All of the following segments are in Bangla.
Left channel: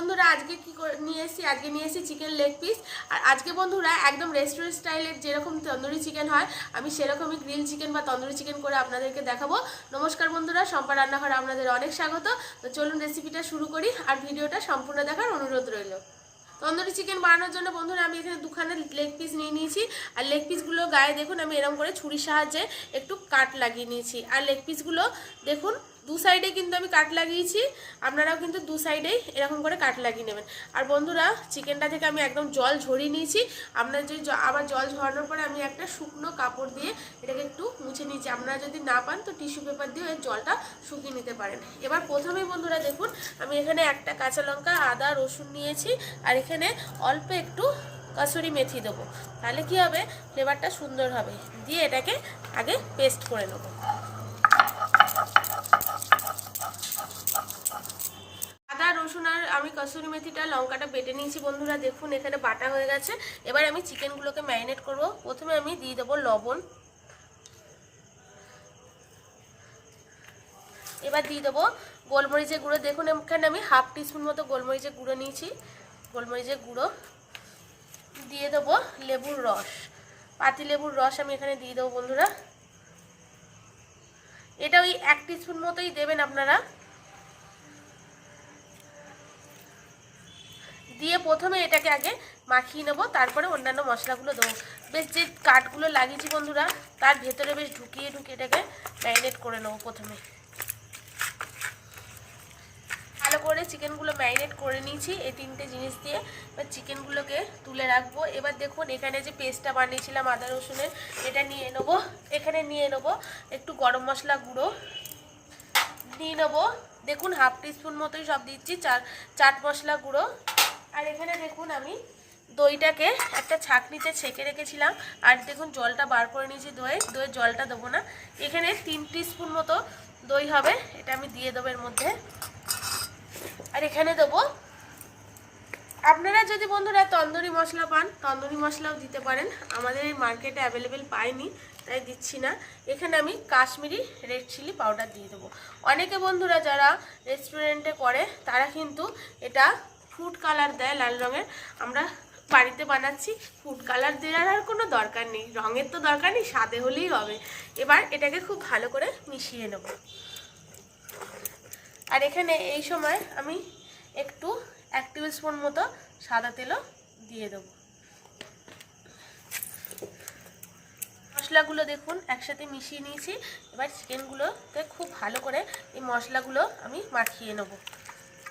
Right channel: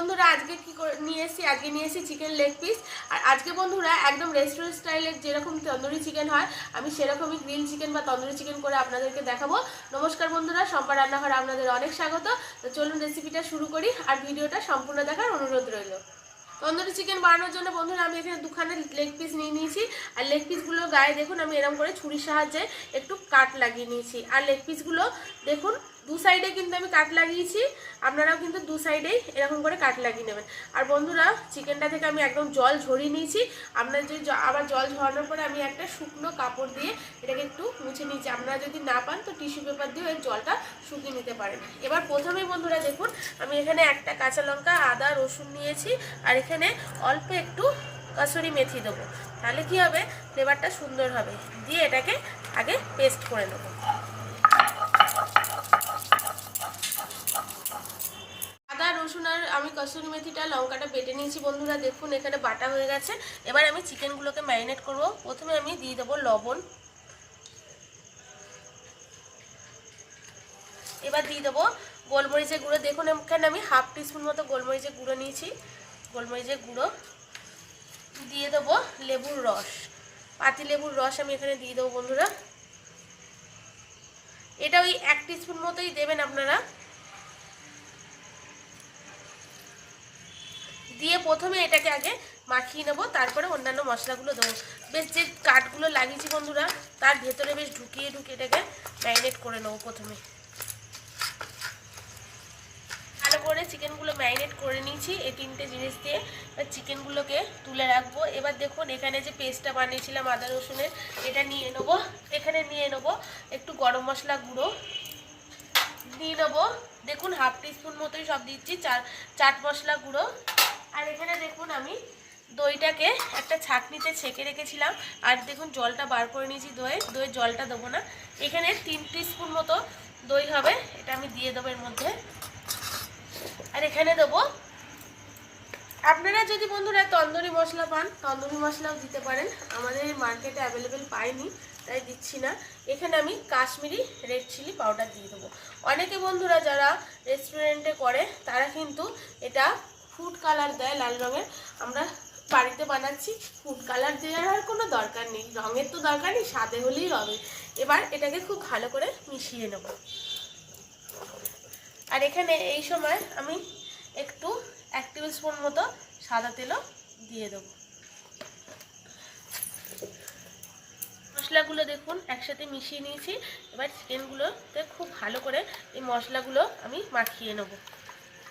বন্ধুরা, আজকে কি নিয়ে এসেছি? আজকে নিয়ে এসেছি চিকেন লেগ পিস আর আজকে বন্ধুরা, একদম রেস্টুরেন্ট স্টাইলের যেরকম তন্দুরি চিকেন হয়, আমি সেরকমই গ্রিল চিকেন বা তন্দুরি চিকেন করে আপনাদেরকে দেখাবো। নমস্কার বন্ধুরা, সম্পা রান্নাঘরে আপনাদের অনেক স্বাগত। তো চলুন রেসিপিটা শুরু করি আর ভিডিওটা সম্পূর্ণ দেখার অনুরোধ রইল। তন্দুরি চিকেন বানানোর জন্য বন্ধুরা, আমি এখানে দুখানে লেগ পিস নিয়ে নিয়েছি। আর লেগ পিসগুলো গায়ে দেখুন, আমি এরকম করে ছুরির সাহায্যে একটু কাট লাগিয়ে নিয়েছি। আর লেগ পিসগুলো দেখুন দু সাইডে কিন্তু আমি কাট লাগিয়েছি, আপনারাও কিন্তু দু সাইডেই এরকম করে কাট লাগিয়ে নেবেন। আর বন্ধুরা চিকেনটা থেকে আমি একদম জল ঝরিয়ে নিয়েছি। আপনার যদি আবার জল ঝরানোর পরে আমি একটা শুকনো কাপড় দিয়ে এটাকে একটু মুছে নিয়েছি। আপনারা যদি না পান, তো টিস্যু পেপার দিয়ে ওই জলটা শুকিয়ে নিতে পারেন। এবার প্রথমেই বন্ধুরা দেখুন, আমি এখানে একটা কাঁচা লঙ্কা, আদা, রসুন নিয়েছি। আর এখানে অল্প একটু কসুরি মেথি দেবো। তাহলে কি হবে? ফ্লেভারটা সুন্দর হবে। দিয়ে এটাকে আগে পেস্ট করে নেব আদা রসুন আর আমি কসুরি মেথিটা, লঙ্কাটা বেটে নিয়েছি বন্ধুরা, দেখুন এখানে বাটা হয়ে গেছে। এবার আমি চিকেনগুলোকে ম্যারিনেট করব। প্রথমে আমি দিয়ে দেবো লবণ। এবার দিয়ে দেবো গোলমরিচের গুঁড়ো। দেখুন এখানে আমি হাফ টিস্পুন মতো গোলমরিচের গুঁড়ো নিয়েছি, গোলমরিচের গুঁড়ো। দিয়ে দেবো লেবুর রস। পাতি লেবুর রস আমি এখানে দিয়ে দেবো বন্ধুরা। এটা ওই এক টিস্পুন মতোই দেবেন আপনারা। দিয়ে প্রথমে এটাকে আগে মাখিয়ে নেব, তারপরে অন্যান্য মশলাগুলো দেবো। বেশ, যে কাঠগুলো লাগিয়েছি বন্ধুরা, তার ভেতরে বেশ ঢুকিয়ে ঢুকিয়ে এটাকে ম্যারিনেট করে নেব প্রথমে। ভালো করে চিকেনগুলো ম্যারিনেট করে নিয়েছি, এই তিনটে জিনিস দিয়ে। এবার চিকেনগুলোকে তুলে রাখব। এবার দেখুন, এখানে যে পেস্টটা বানিয়েছিলাম আদা রসুনের, এটা নিয়ে নেব। এখানে নিয়ে নেব একটু গরম মশলা গুঁড়ো। দিয়ে নেব, দেখুন, হাফ টিস্পুন মতোই সব দিচ্ছি, চার, চাট মশলা গুঁড়ো। আর এখানে দেখুন আমি দইটাকে একটা ছাঁকনিতে ছেঁকে রেখেছিলাম। আর দেখুন জলটা বার করে নিয়েছি দইয়ে। দইয়ের জলটা দেবো না। এখানে তিন স্পুন মতো দই হবে। এটা আমি দিয়ে দেবো এর মধ্যে। আর এখানে দেবো, আপনারা যদি বন্ধুরা তন্দুরি মশলা পান, তন্দুরি মশলাও দিতে পারেন। আমাদের এই মার্কেটে অ্যাভেলেবেল পাইনি, তাই দিচ্ছি না। এখানে আমি কাশ্মীরি রেড চিলি পাউডার দিয়ে দেবো। অনেকে বন্ধুরা যারা রেস্টুরেন্টে করে, তারা কিন্তু এটা ফুড কালার দেয়, লাল রঙের। আমরা বাড়িতে বানাচ্ছি ফুড কালার দেওয়ার আর কোনো দরকার নেই। রঙের তো দরকার নেই, স্বাদে হলেই হবে। এবার এটাকে খুব ভালো করে মিশিয়ে নেব। আর এখানে এই সময় আমি একটু এক টেবিল স্পুন মতো সাদা তেলও দিয়ে দেবো। মশলাগুলো দেখুন, একসাথে মিশিয়ে নিয়েছি। এবার চিকেনগুলোতে খুব ভালো করে এই মশলাগুলো আমি মাখিয়ে নেব।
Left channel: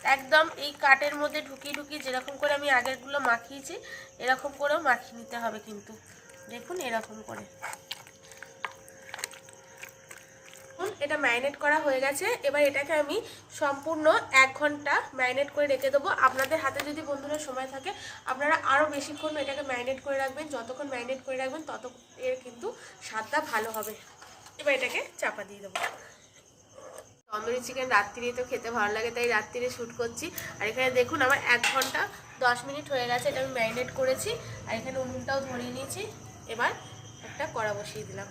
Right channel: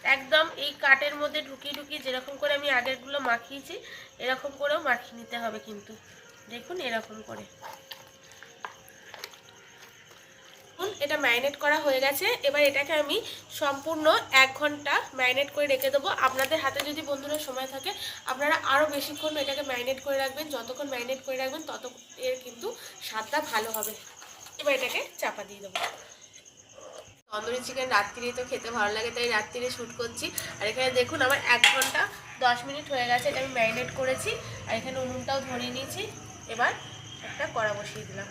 একদম এই কাটের মধ্যে ঢুকিয়ে ঢুকিয়ে যেরকম করে আমি আগেরগুলো মাখিয়েছি, এরকম করেও মাখিয়ে নিতে হবে কিন্তু। দেখুন এরকম করে। এটা ম্যারিনেট করা হয়ে গেছে। এবার এটাকে আমি সম্পূর্ণ এক ঘণ্টা ম্যারিনেট করে রেখে দেবো। আপনাদের হাতে যদি বন্ধুরা সময় থাকে, আপনারা আরও বেশিক্ষণ এটাকে ম্যারিনেট করে রাখবেন। যতক্ষণ ম্যারিনেট করে রাখবেন, তত এর কিন্তু স্বাদটা ভালো হবে। এবার এটাকে চাপা দিয়ে দেবো। তন্দুরি চিকেন রাত্রিরেই তো খেতে ভালো লাগে, তাই রাত্রিরে শ্যুট করছি। আর এখানে দেখুন আমার এক ঘণ্টা দশ মিনিট হয়ে গেছে, এটা আমি ম্যারিনেট করেছি। আর এখানে উনুনটাও ধরিয়ে নিয়েছি। এবার একটা কড়া বসিয়ে দিলাম।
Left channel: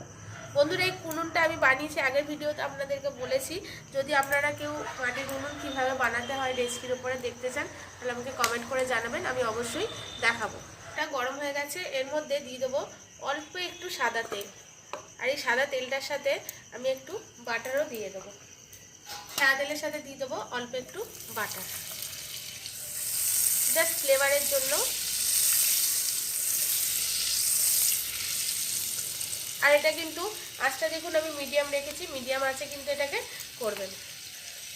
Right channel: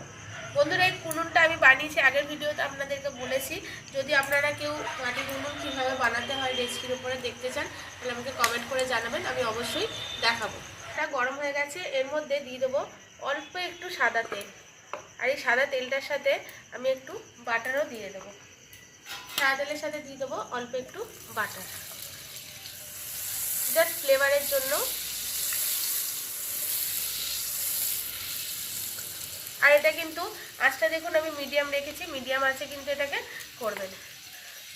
বন্ধুরা, এই উনুনটা আমি বানিয়েছি আগের ভিডিওতে আপনাদেরকে বলেছি। যদি আপনারা কেউ মাটির উনুন কীভাবে বানাতে হয় রেসিপির উপরে দেখতে চান, তাহলে আমাকে কমেন্ট করে জানাবেন, আমি অবশ্যই দেখাবো। এটা গরম হয়ে গেছে, এর মধ্যে দিয়ে দেবো অল্প একটু সাদা তেল। আর এই সাদা তেলটার সাথে আমি একটু বাটারও দিয়ে দেবো। সাদা তেলের সাথে দিয়ে দেবো অল্প একটু বাটার। জাস্ট ফ্লেভারের জন্য। আর এটা কিন্তু আঁচটা দেখুন, আমি মিডিয়াম রেখেছি মিডিয়াম আছে কিন্তু এটাকে করবেন।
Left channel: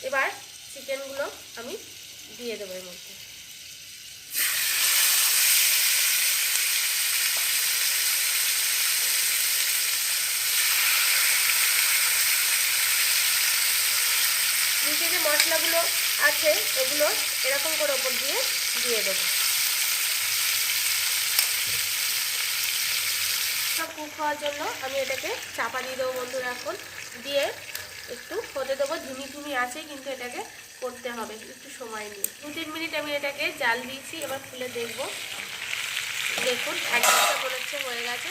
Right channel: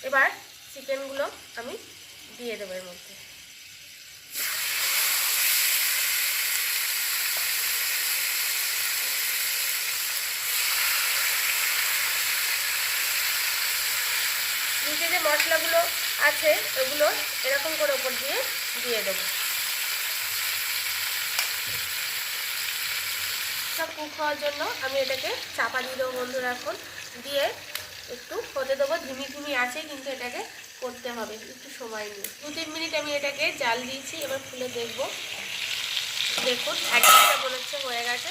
এবার চিকেনগুলো আমি দিয়ে দেবো এর মধ্যে নিচে যে মশলাগুলো আছে এগুলো এরকম করে ওপর দিয়ে দিয়ে দেবো। সব কুক হওয়ার জন্য আমি এটাকে চাপা দিয়ে দেবো বন্ধুরা এখন। দিয়ে একটু হতে দেবো ধিমি ধিমি আছে কিন্তু এটাকে করতে হবে একটু সময় নিয়ে। দু তিন মিনিট আমি এটাকে জাল দিয়েছি, এবার খুলে দেখব। দেখুন, এক ঘণ্টা বলেছে হয়ে গেছে,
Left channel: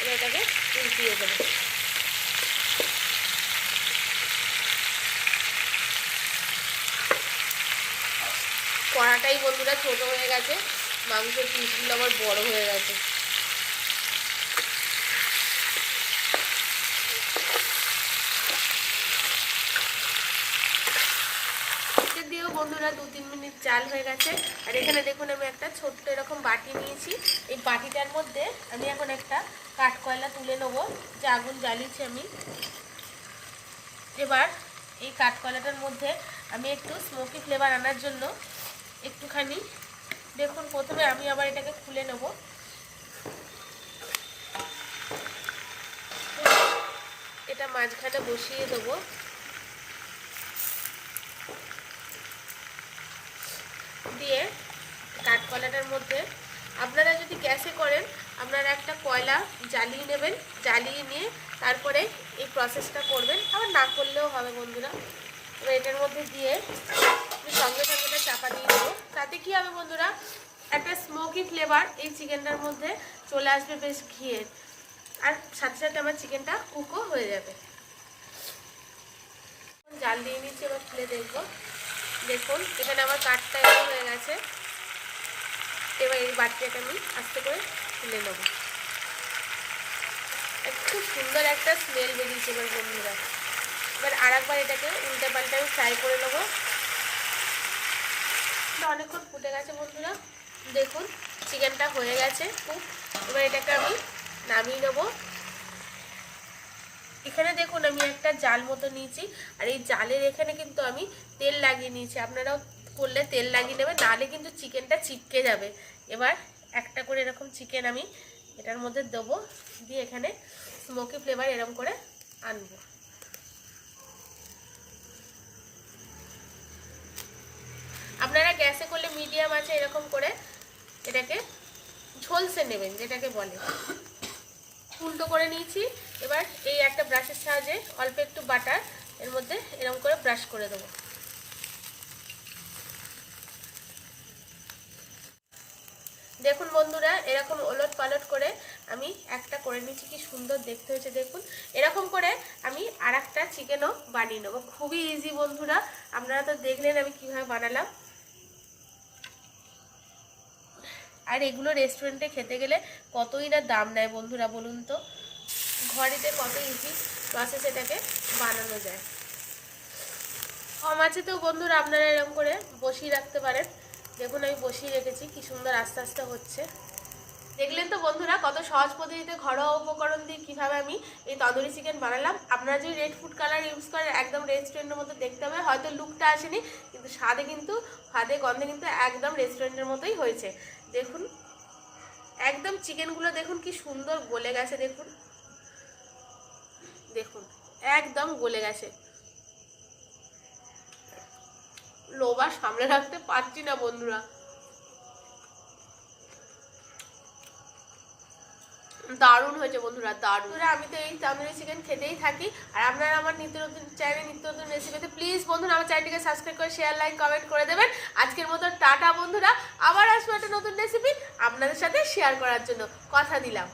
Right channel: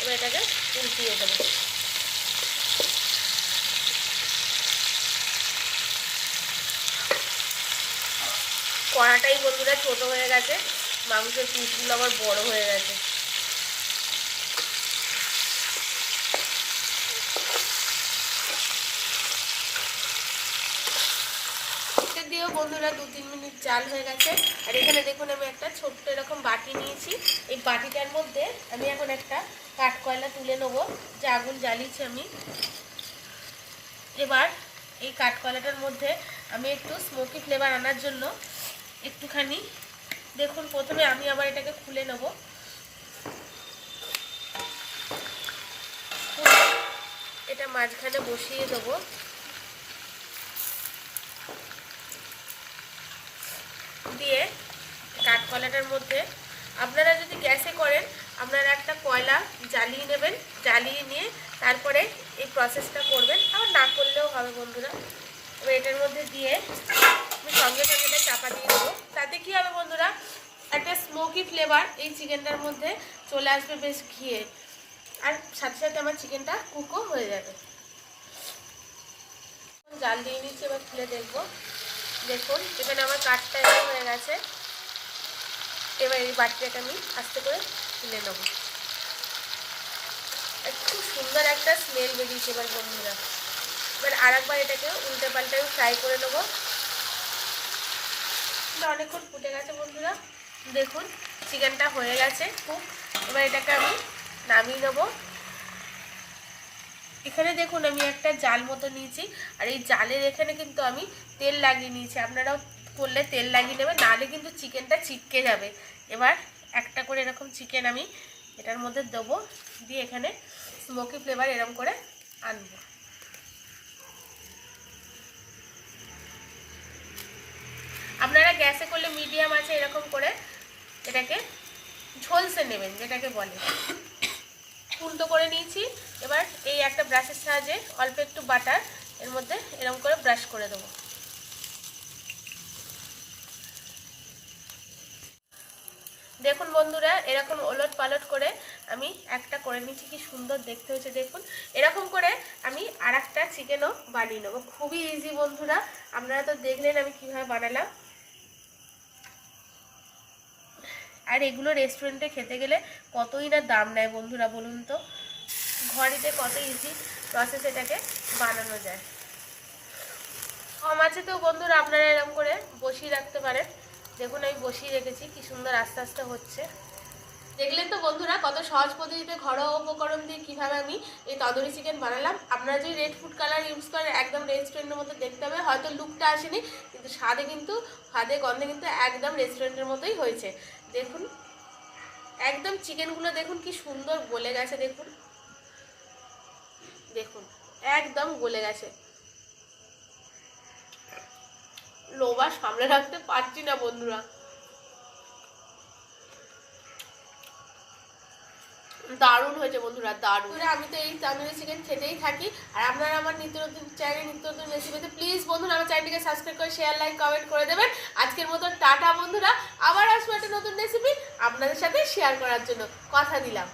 এবার এটাকে উল্টিয়ে দেবো। কড়াটাই বন্ধুরা ছোটো হয়ে গেছে। মাংসের পিসগুলো আমার বড় হয়ে গেছে। দিয়েও বন্ধুরা দু তিন মিনিট জাল হয়ে গেছে। আর এখানে দেখুন, আমি একটা ছোট্ট এরকম বাটি নিয়েছি। এই বাটিটার মধ্যে আমি এখন একটা কাঠ কয়লা তুলে নেব, যে আগুন জ্বালিয়েছি আমি। এবার এই কাঠ কয়লাটার মধ্যে আমি একটু স্মোকি ফ্লেভার আনার জন্য একটুখানি। দেখুন, প্রথমে আমি আবার এটাকে খুলে নেব। এটা মাঝখানে বসিয়ে দেবো। দিয়ে কাঠকলাটার মধ্যে আপনারা যদি গ্যাসে করেন, আপনারা একটা কয়লা জ্বালিয়ে নেবেন, জ্বালিয়ে নিয়ে তারপরে এই প্রসেসটা করবেন। আবার না করলেও হবে বন্ধুরা। এটার মধ্যে দিয়ে সঙ্গে সঙ্গে এটা চাপা দিয়ে দেবো। তাতে কী হবে বন্ধুরা? একটা স্মোকি ফ্লেভার এই চিকেনটার মধ্যে চলে আসবে বেশ ঘিয়ে। আর সাথে সাথে আমার চিকেনটা কুকও হয়ে যাবে। জাল দিয়ে নিচ্ছি, এবার খুলে দেখব। দেখুন, এখানে আমার কাঠটা এরকম হয়ে গেছে। এবার এই বাটিটাকে আমি আস্তে করে তুলে নেব। একটু সুন্দর একটা স্মেল বেরিয়েছে এবার বন্ধুরা। এবার আরেকবার এটাকে উল্টে পাল্টে ফ্রাই করে নেব। এটা অনেকক্ষণ ফুটে গেছে বন্ধুরা। দেখুন, চিকেনটা হয়ে গেছে খুব। এবার এটাকে আমি নামিয়ে নেব। এখানে দেখুন, আমি একটা জাল মতো নিয়েছি। আর এই জালের এখানে কিন্তু আমি তেল লাগিয়ে নিয়েছি। আপনারাও করলে তেল লাগিয়ে নেবেন, নাহলে কিন্তু চিকেনটা চিপকে যাবে। এবার একটা করে এরকম চিকেন আমি এটার মধ্যে দেবো। দিয়ে এখানে স্মোকি ফ্লেভার এরকম করে আনব। আপনারা গ্যাসে করলে মিডিয়াম আছে এরকম করে এটাকে ঝলসে নেবেন, যেটাকে বলে। উল্টো করে নিয়েছি, এবার এই একটা ব্রাশের সাহায্যে অল্প একটু বাটার এর মধ্যে এরকম করে ব্রাশ করে দেবো। দেখুন বন্ধুরা, এরকম ওলট পালট করে আমি একটা করে নিচ্ছি কি সুন্দর দেখতে হয়েছে, দেখুন। এরকম করে আমি আর একটা চিকেনও বানিয়ে নেব। খুবই ইজি বন্ধুরা, আপনারা তো দেখলেন আমি কীভাবে বানালাম। আর এগুলো রেস্টুরেন্টে খেতে গেলে কতই না দাম নেয় বন্ধুরা বলুন তো? ঘরেতে কত ইজি প্রসেস এটাকে বানানো যায়। তো বন্ধুরা আপনারা এরকম করে বসিয়ে রাখতে পারেন। দেখুন আমি বসিয়ে রেখেছি, কি সুন্দর আস্তে আস্তে হচ্ছে। দেখলেন তো বন্ধুরা কত সহজ পদ্ধতিতে ঘরোয়া উপকরণ দিয়ে কীভাবে আমি এই তন্দুরি চিকেন বানালাম। আপনারা যদি রেড ফুড কালার ইউজ করেন, একদম রেস্টুরেন্টের মতো দেখতে হবে। হয়তো লুকটা আসেনি, কিন্তু স্বাদে কিন্তু স্বাদে গন্ধে কিন্তু একদম রেস্টুরেন্টের মতোই হয়েছে। দেখুন। একদম চিকেনগুলো দেখুন কি সুন্দর গলে গেছে, দেখুন। দেখুন, একদম গলে গেছে। লোবা সামনে রাখতে পারছি না বন্ধুরা। দারুণ হয়েছে বন্ধুরা, দারুণ। আমি তো এই তান্দুরি চিকেন খেতেই থাকি, আর আপনারা আমার নিত্য নতুন চ্যানেল নিত্য নতুন রেসিপিতে প্লিজ বন্ধুরা আমার চ্যানেলটিকে সাবস্ক্রাইব করে শেয়ার লাইক কমেন্ট করে দেবেন। আজকের মতো টাটা বন্ধুরা, আবার আসব একটা নতুন রেসিপি আপনাদের সাথে শেয়ার করার জন্য। কথা দিলাম।